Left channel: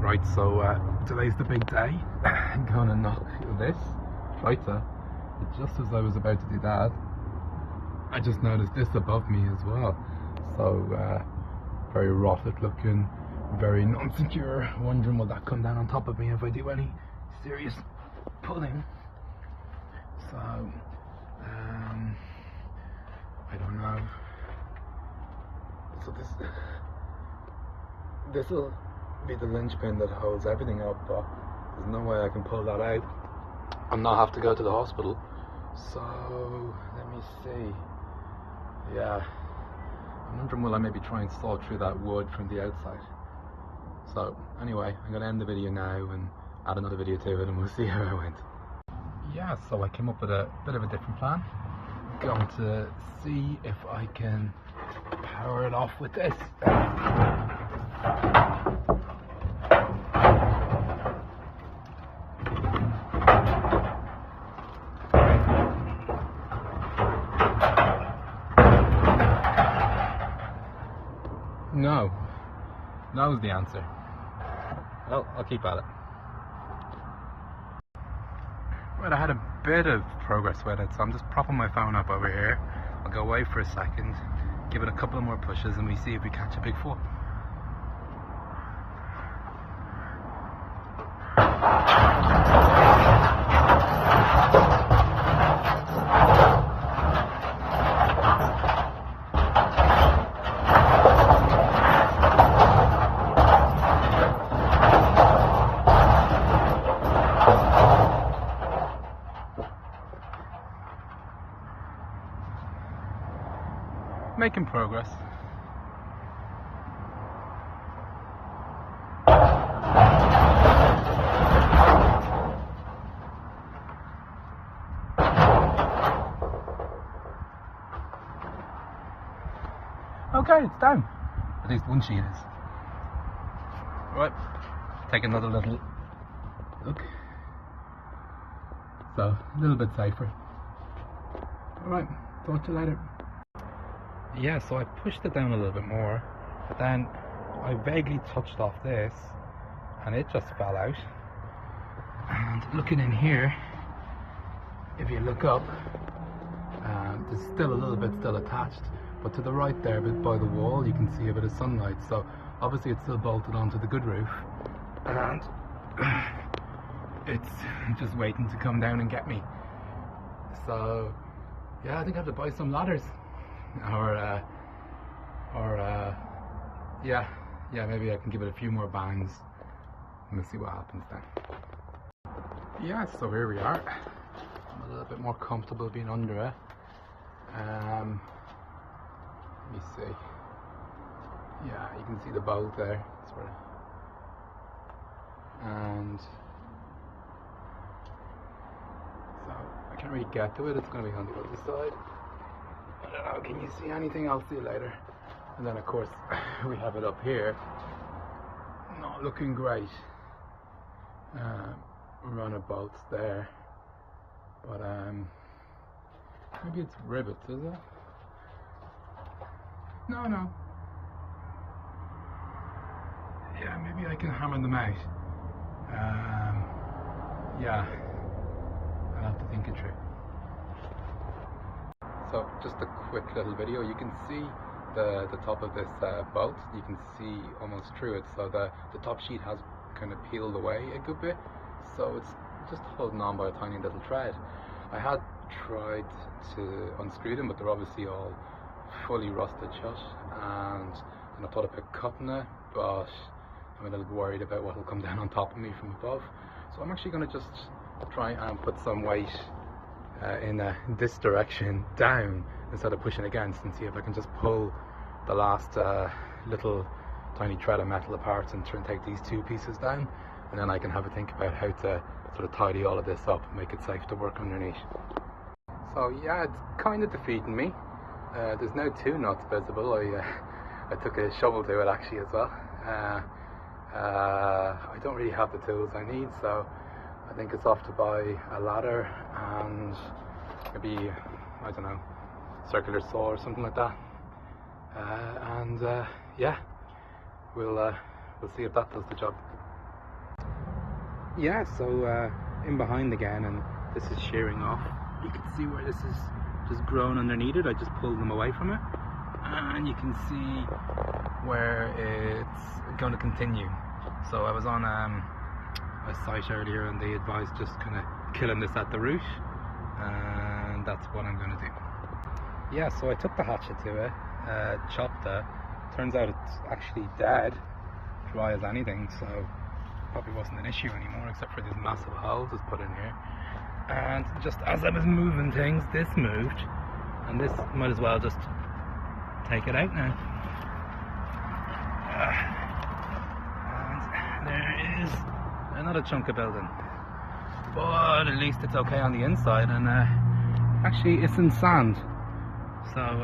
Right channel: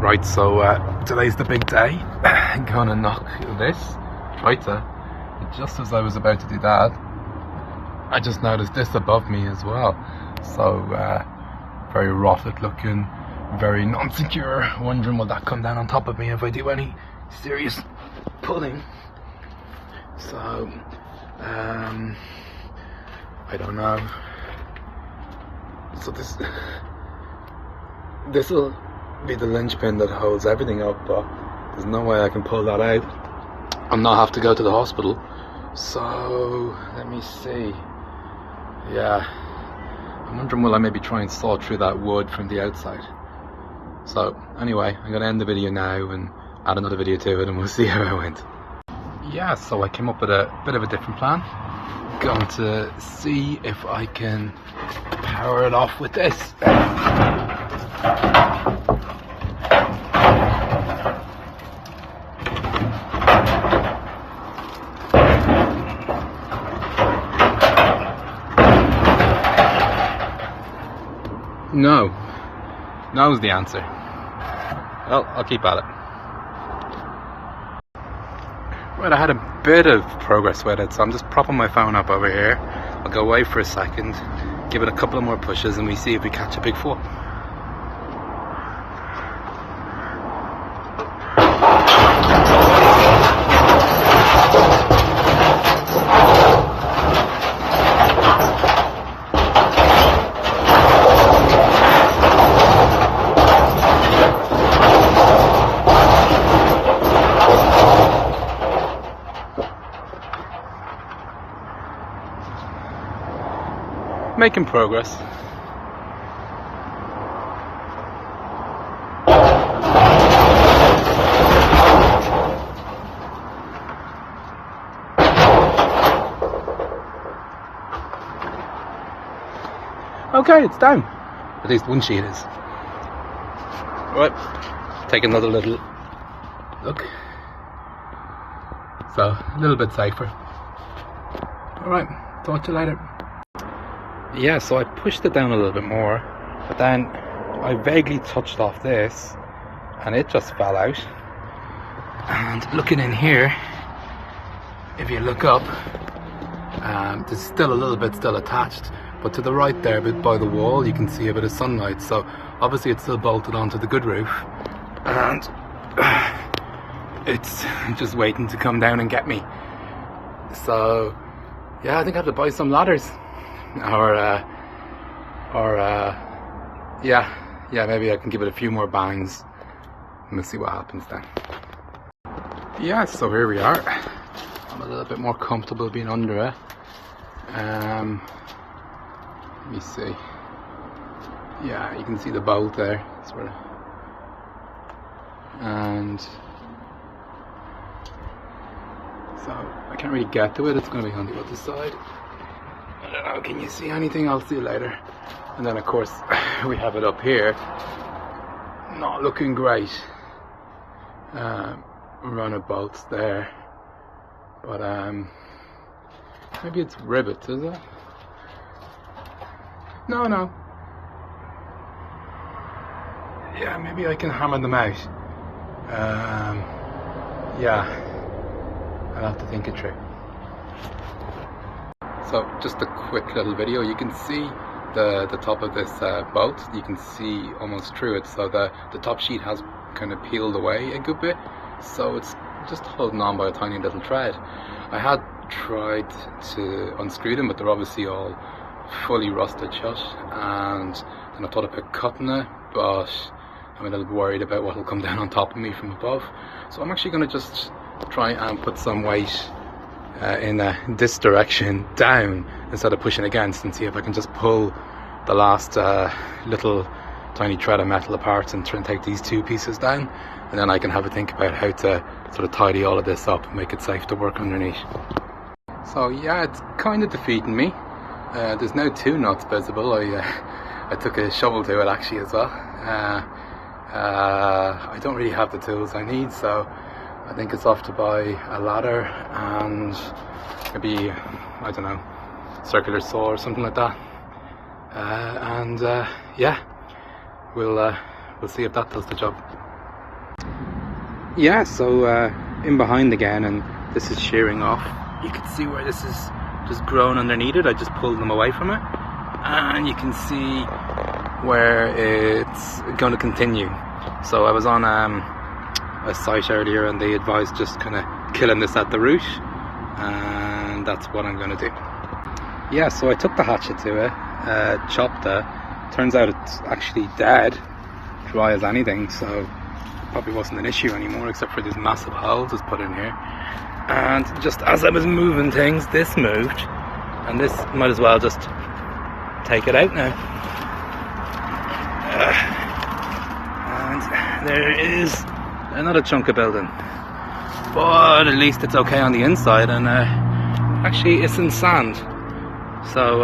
Right, so today's the big day. I'm gonna knock this right there. Just as I was about to do that, I just noticed this above me as well. So very rotted looking, very non-secure. Wondering will that come down on top of me if I do any serious pulling. So I don't know. So this will be the linchpin that holds everything up, but there's no way I can pull that out and not have to go to the hospital. So let me see. Yeah, I'm wondering will I maybe try and saw through that wood from the outside. So anyway, I'm gonna end the video now and add another video to it and we'll see how it went. Yeah, so I came up with a bit of a different plan. Going to see if I can power it off with this. No. No is the answer. Well, I'll keep at it. Right, I had a bit of progress with it, so I'm just propping my phone up over here. I'll go away for a second, give it a couple of more pushes, and we see if we catch a big fall. Making progress. Okay, it's down. At least one sheet is. Alright, take another little look. So, a little bit safer. Alright, talk to you later. Yeah, so I pushed it down a little bit more, but then I vaguely touched off this and it just fell out. And looking in here, if you look up, there's still a little bit still attached, but to the right there, a bit by the wall, you can see a bit of sunlight. So obviously it's still bolted onto the good roof and it's just waiting to come down and get me. So yeah, I think I have to buy some ladders. Yeah, maybe I can give it a few more bangs and we'll see what happens then. Yeah, so here we are. I'm a little bit more comfortable being under it. Let me see. Yeah, you can see the bolt there, sort of. And so I can't really get to it. It's going to be on the other side. I don't know, can you see anything? I'll see you later. And then of course we have it up here, not looking great. Run of bolts there, but maybe it's rivets, is it? No. Yeah, maybe I can hammer them out. Yeah, I'll have to think it through. So just a quick little video. You can see the top of this bolt. You can see almost through it. So the top sheet has kind of peeled away a good bit. So it's just holding on by a tiny little thread. I had tried to unscrew them, but they're obviously all fully rusted shut. And then I thought about cutting it, but I'm a little worried about what will come down on top of me from above. So I'm actually going to just try and put some weight in this direction down instead of pushing against, and see if I can just pull the last little tiny thread of metal apart and try and take these two pieces down, and then I can have a think about how to sort of tidy all of this up and make it safe to work underneath. So yeah, it's kind of defeating me. There's now two nuts visible. I took a shovel to it actually as well. I don't really have the tools I need, so I think it's off to buy a ladder and maybe, I don't know, circular saw or something like that. Yeah, we'll see if that does the job. Yeah, so in behind again, and this is shearing off. You can see where this is just grown underneath it. I just pulled them away from it, and you can see where it's going to continue. So I was on a site earlier, and they advised just kind of killing this at the root, and that's what I'm going to do. Yeah, so I took the hatchet to it, chopped it. Turns out it's actually dead, dry as anything, so probably wasn't an issue anymore, except for these massive holes it's put in here. And just as I was moving things, this moved, and this might as well just take it out now. And there is another chunk of building, but at least it's okay on the inside, and actually it's in sand, so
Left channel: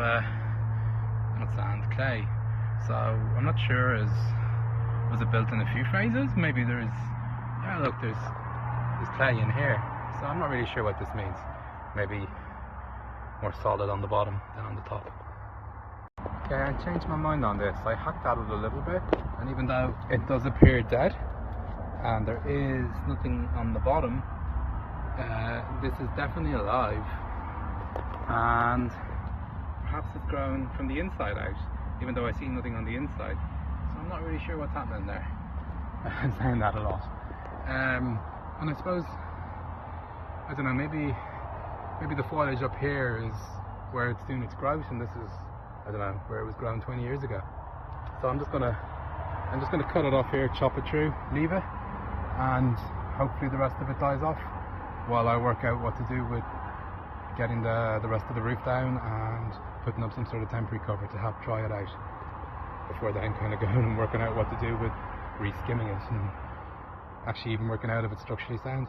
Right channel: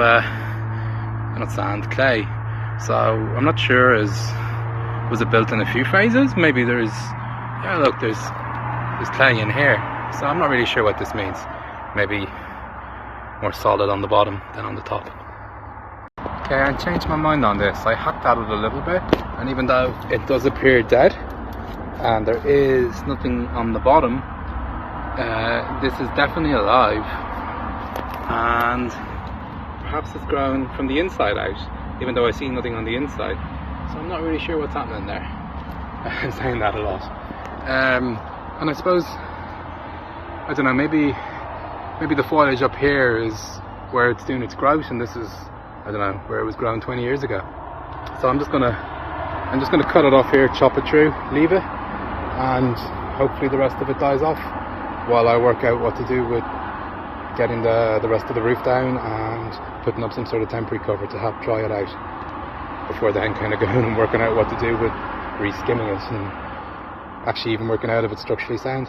not sand, clay. So I'm not sure, was it built in a few phases? Maybe there's, yeah, look, there's clay in here, so I'm not really sure what this means. Maybe more solid on the bottom than on the top. Okay, I changed my mind on this. I hacked at it a little bit, and even though it does appear dead and there is nothing on the bottom, this is definitely alive, and perhaps it's grown from the inside out, even though I see nothing on the inside. So I'm not really sure what's happening there. I'm saying that a lot. And I suppose, I don't know, maybe the foliage up here is where it's doing its growth, and this is, I don't know, where it was grown 20 years ago. So I'm just gonna cut it off here, chop it through, leave it, and hopefully the rest of it dies off while I work out what to do with getting the rest of the roof down and putting up some sort of temporary cover to help dry it out, before then kind of going and working out what to do with re-skimming it, and actually even working out if it's structurally sound.